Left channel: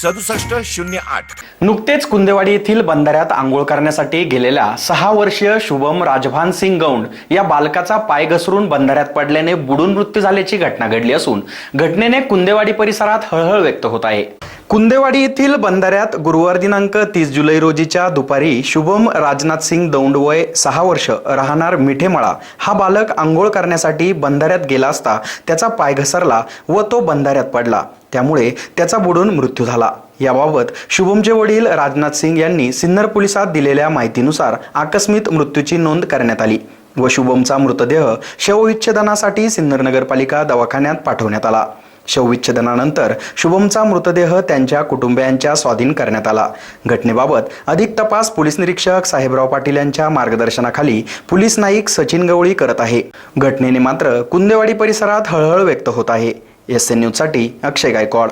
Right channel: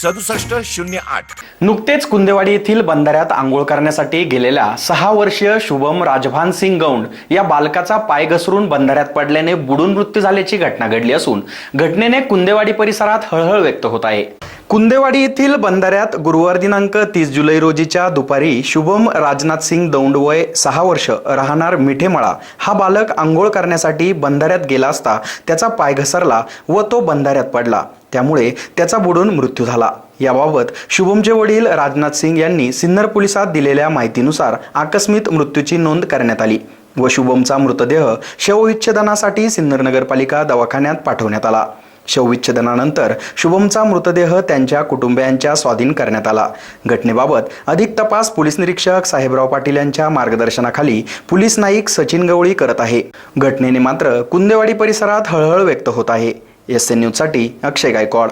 सदुसष्ट शून्य आठ. नुकतेच कुंदेवाडी येथील बंधाऱ्यात आंघोळ करण्यासाठी गेलेल्या सहा वर्षीय शुभम राजभान सिंग गौंड या बालकाचा पाय घसरून बंधाऱ्यात पडल्याने बुडून मृत्यू झाल्याची घटना घडली असून घटनेने कुंदेवाडी परिसरात हळहळ व्यक्त होत आहे. कुंदेवाडी येथील बंधाऱ्यात गुरुवार दिनांक तीस जुलै रोजीच्या दुपारी शुभम राजनाथ सिंग दौंड वय सहा वर्ष राहणार मिठेमळा हा बालक आंघोळ करण्यासाठी बंधाऱ्यात गेला असता त्याचा पाय घसरला व तो बंधाऱ्यात पडला. त्यामुळे त्याचा बुडून मृत्यू झाला. याबाबत शुभमचे वडील राजनाथ सिंग यांनी सिन्नर पोलिसात दिलेल्या माहितीनुसार आकस्मिक मृत्यूची नोंद करण्यात आली व शुभमचा मृतदेह शवविच्छेदनासाठी सिन्नर नगरपालिका दवाखान्यात पाठवण्यात आला. शवविच्छेदनानंतर शुभमचा मृतदेह त्यांच्या कुटुंबियांच्या स्वाधीन करण्यात आला. घटनेबाबत अधिक तपास पोलीस निरीक्षक साहेबराव पाटील यांच्या मार्गदर्शनाखाली पोलीस नाईक सचिन गवळी करत आहे. घटनेने मात्र कुंदेवाडी परिसरात हळहळ व्यक्त होत आहे. एस एन न्यूजसाठी अक्षय गायकवाड.